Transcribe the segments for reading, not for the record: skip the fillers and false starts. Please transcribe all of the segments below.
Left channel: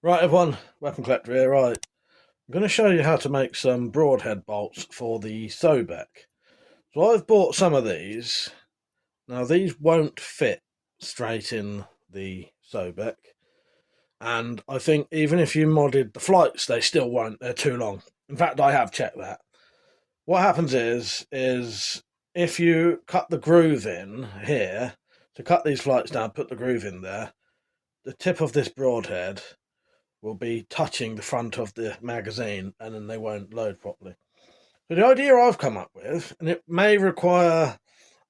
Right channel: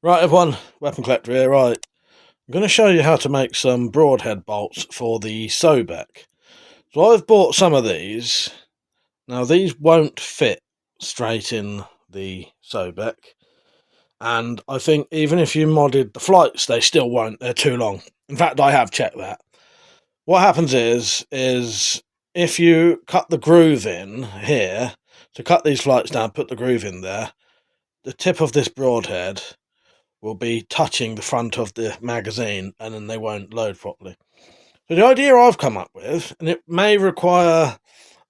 Right, everyone, WeaponCollector here. Right, I'm going to show you how to make some broadhead bolts for the Sobek. So I've bought some of these. Now these won't fit straight in the Sobek, and I think even if you modded the flights, they still won't. They're too long. In fact, I have checked that. What happens is if you cut the groove in here, to cut these flights down, put the groove in there, the tip of this broadhead will be touching the front of the magazine and then they won't load properly. So the idea I've come up with, and it may require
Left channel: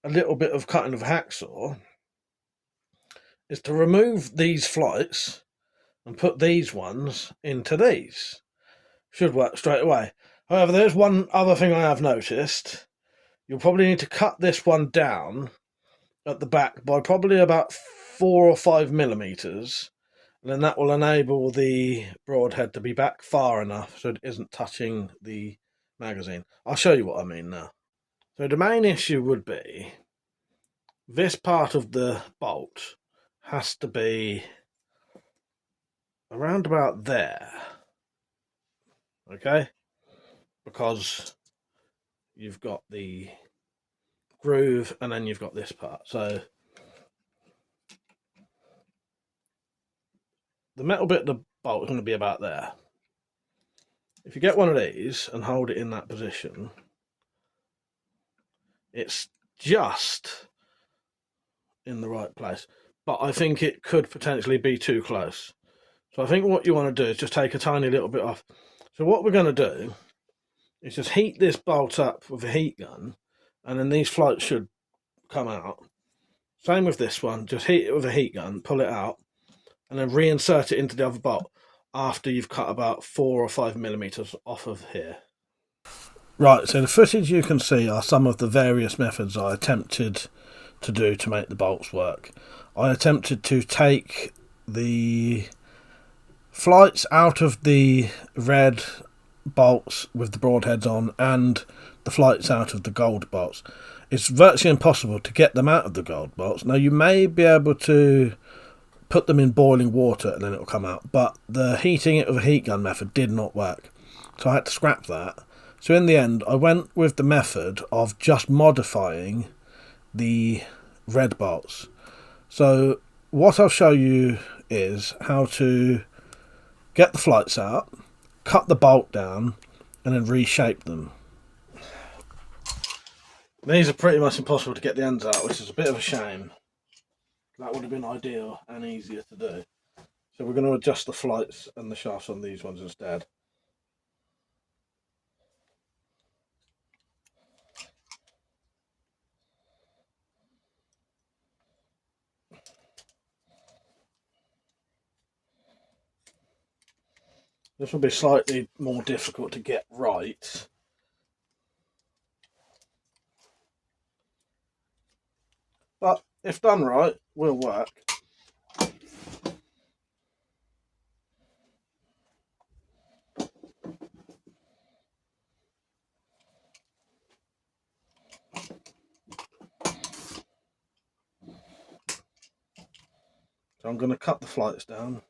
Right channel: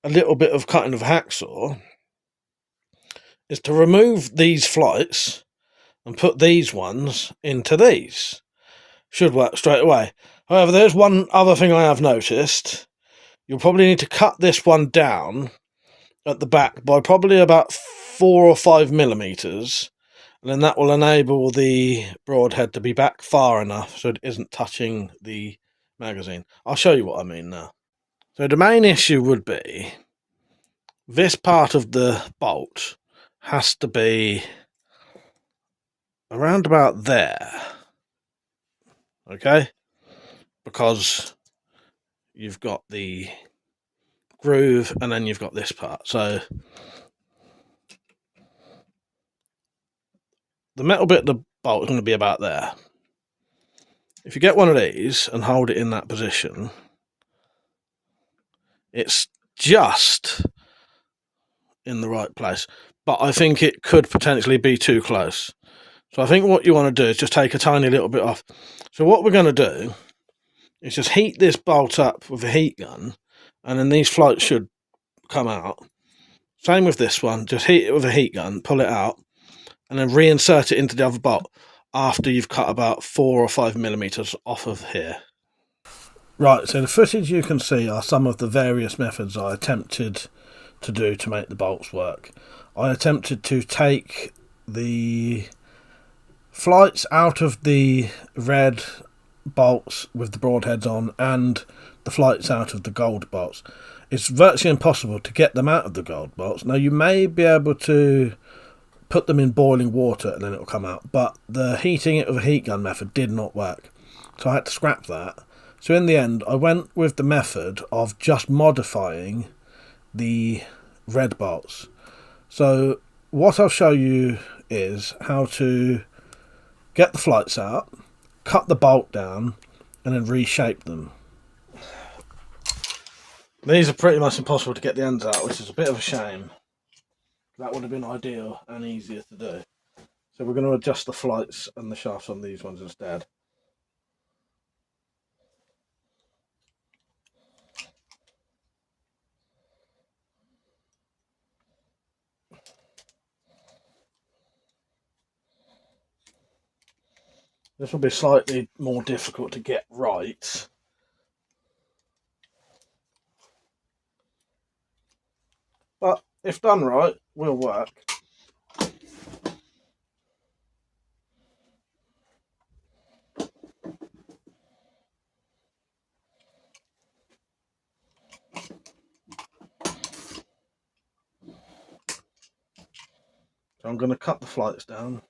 a little bit of cutting of hacksaw, is to remove these flights and put these ones into these. Should work straight away. However, there's one other thing I have noticed. You'll probably need to cut this one down at the back by probably about 4 or 5 millimeters, and then that will enable the broadhead to be back far enough so it isn't touching the magazine. I'll show you what I mean now. So the main issue would be this part of the bolt has to be around about there, okay? Because you've got the groove and then you've got this part. So the metal bit of the bolt is going to be about there. If you get one of these and hold it in that position, it's just in the right place, but I think it could potentially be too close. So I think what you want to do is just take a tiny little bit off. So what we're going to do is just heat this bolt up with a heat gun, and then these floats should come out. Same with this one, just heat it with a heat gun, pull it out, and then reinsert it into the other bolt after you've cut about 4 or 5 millimeters off of here. Right, so the footage you can see are some of the various methods I attempted to do to make the bolts work. I attempted to take the flights out of the red bolts with the broadheads on and the flights out of the gold bolts. It's virtually impossible to get them out of the gold bolts. Now you may be able to put them in boiling water and then it'll come out, but the heating it with a heat gun method did not work, so I had to scrap that. So in the end I went with the method of just modifying the red bolts. So what I'll show you is how to get the flights out, cut the bolt down, and then reshape them. These are pretty much impossible to get the ends out, which is a bit of a shame. That would have been ideal and easier to do. So we're going to adjust the flights and the shafts on these ones instead. This will be slightly more difficult to get right. But if done right, will work. So I'm going to cut the flights down.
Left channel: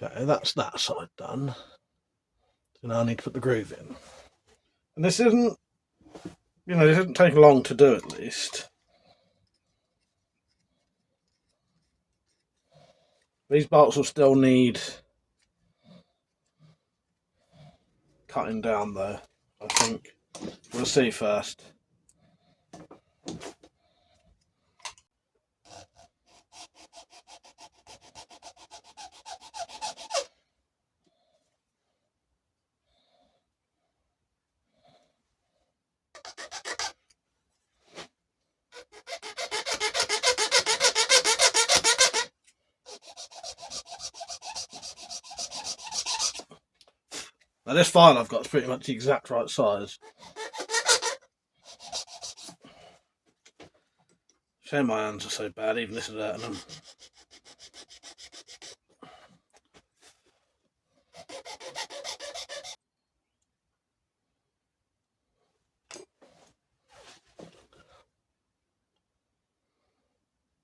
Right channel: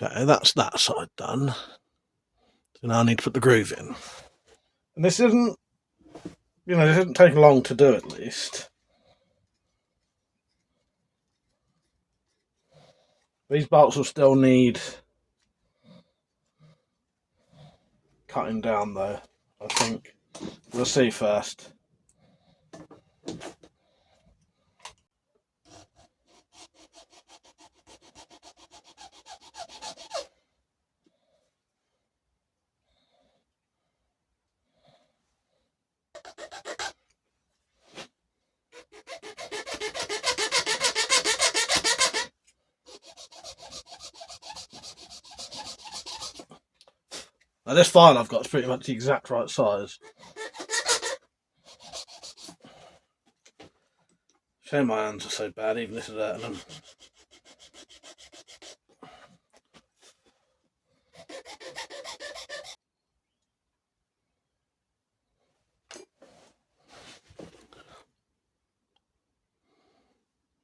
Okay, that's that side done. So now I need to put the groove in. And this isn't, this isn't taking long to do at least. These bolts will still need cutting down though, I think. We'll see first. Now this file I've got is pretty much the exact right size. Shame my hands are so bad, even this is hurting them.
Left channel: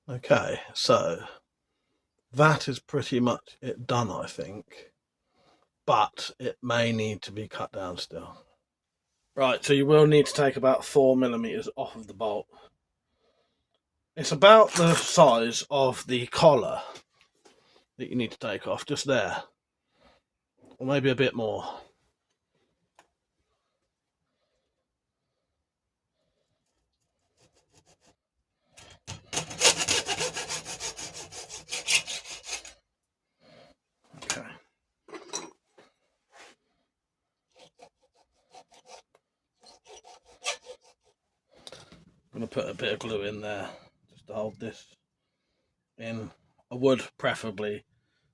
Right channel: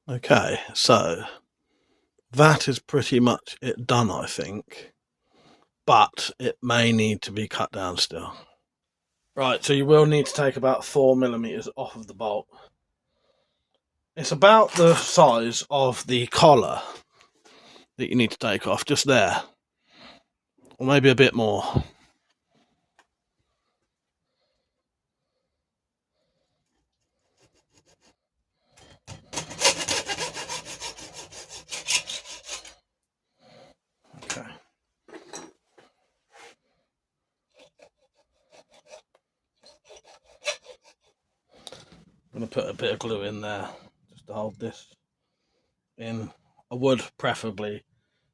Okay, so that is pretty much it done, I think, but it may need to be cut down still. Right, so you will need to take about 4mm off of the bolt. It's about the size of the collar that you need to take off, just there, or maybe a bit more. Okay. I'm going to put a bit of glue in there just to hold this in. I would preferably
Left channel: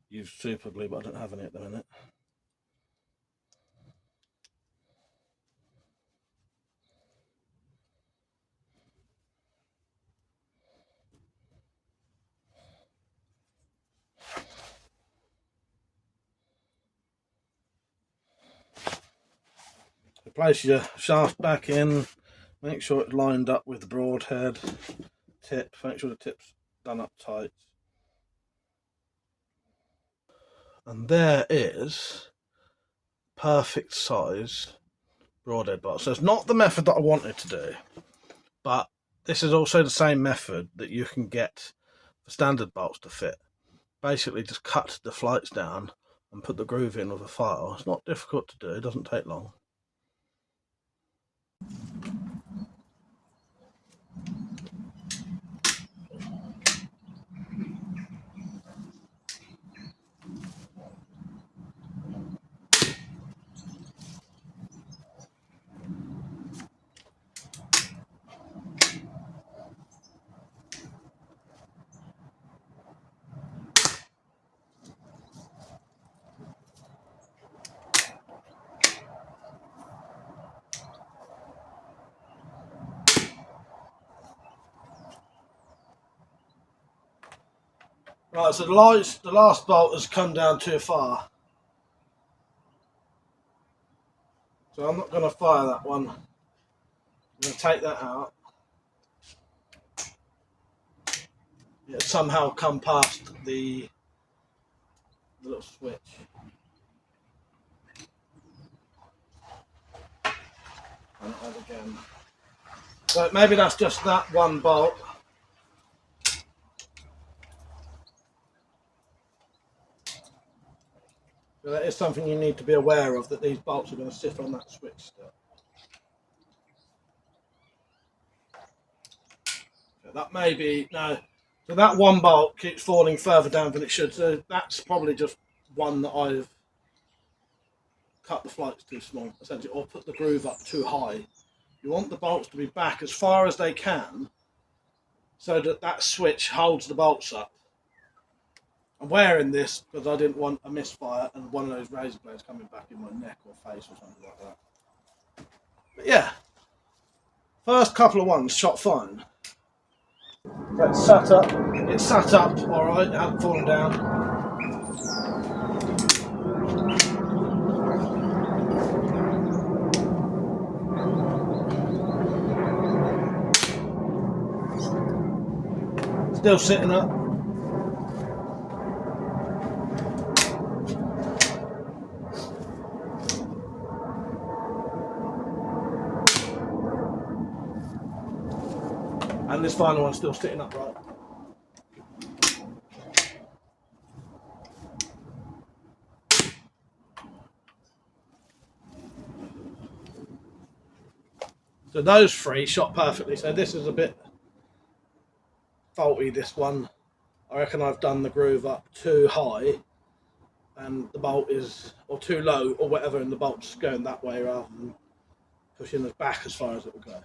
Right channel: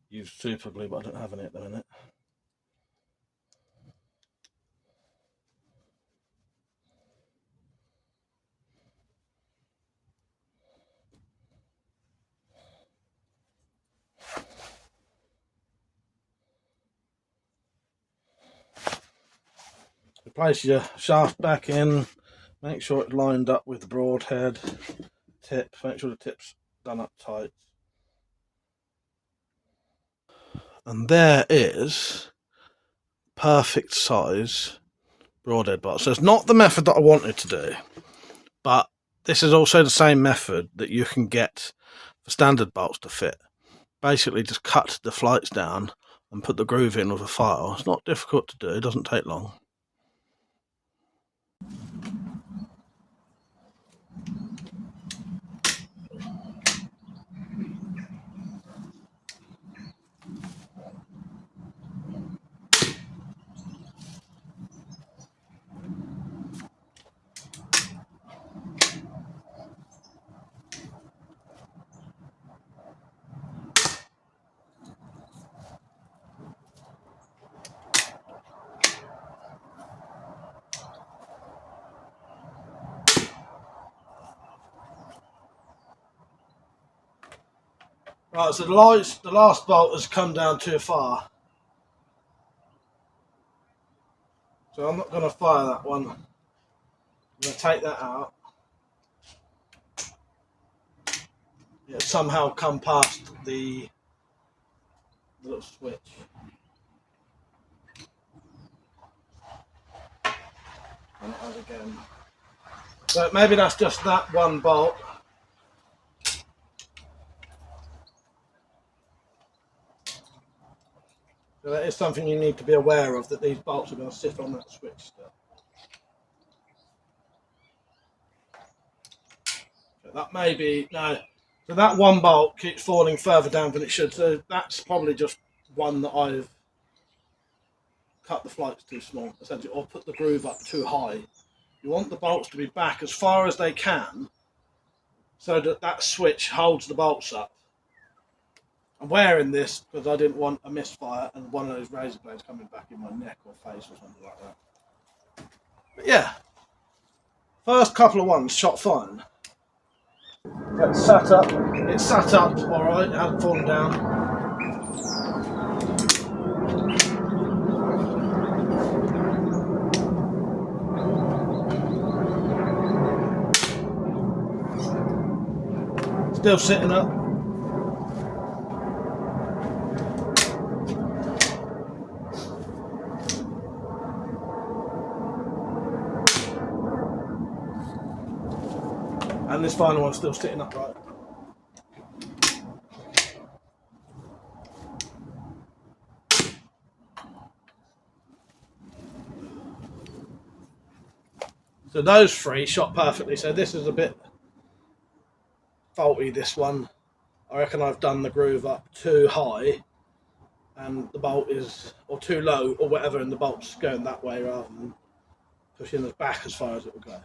use super glue, but I don't have any at the minute. So place your shaft back in, make sure it's lined up with the broadhead tip, make sure the tip's done up tight. And there is perfect size broadhead bolts. So it's not the method that I wanted to do, but this is also the same method that you can get for standard bolts to fit. Basically just cut the flights down and put the groove in with a file. It's not difficult to do, it doesn't take long. Right, so the last bolt has come down too far. So I'm not going to fire that one. I'm going to take that out. It somehow come past the little switch. And it has again. So maybe that's just that one bolt. So that is something you need to be aware of, that these bolts are going to sit on that switch still. So that may be, no, so that one bolt keeps falling further down than it should. So that's probably just one that I've cut the flights too small, essentially, or put the groove up too high. You want the bolts to be back as far as they can so that that switch holds the bolts up. I'm wearing this because I didn't want a misfire and one of those razor blades coming back in my neck or face or something like that. But yeah, first couple of ones shot fine. It's sat up. It's sat up all right. It hasn't fallen down. Still sitting up. And this final one's still sitting upright. So those three shot perfectly. So this is a bit faulty, this one. I reckon I've done the groove up too high and the bolt is, or too low or whatever, and the bolt's going that way rather than pushing us back as far as it will go.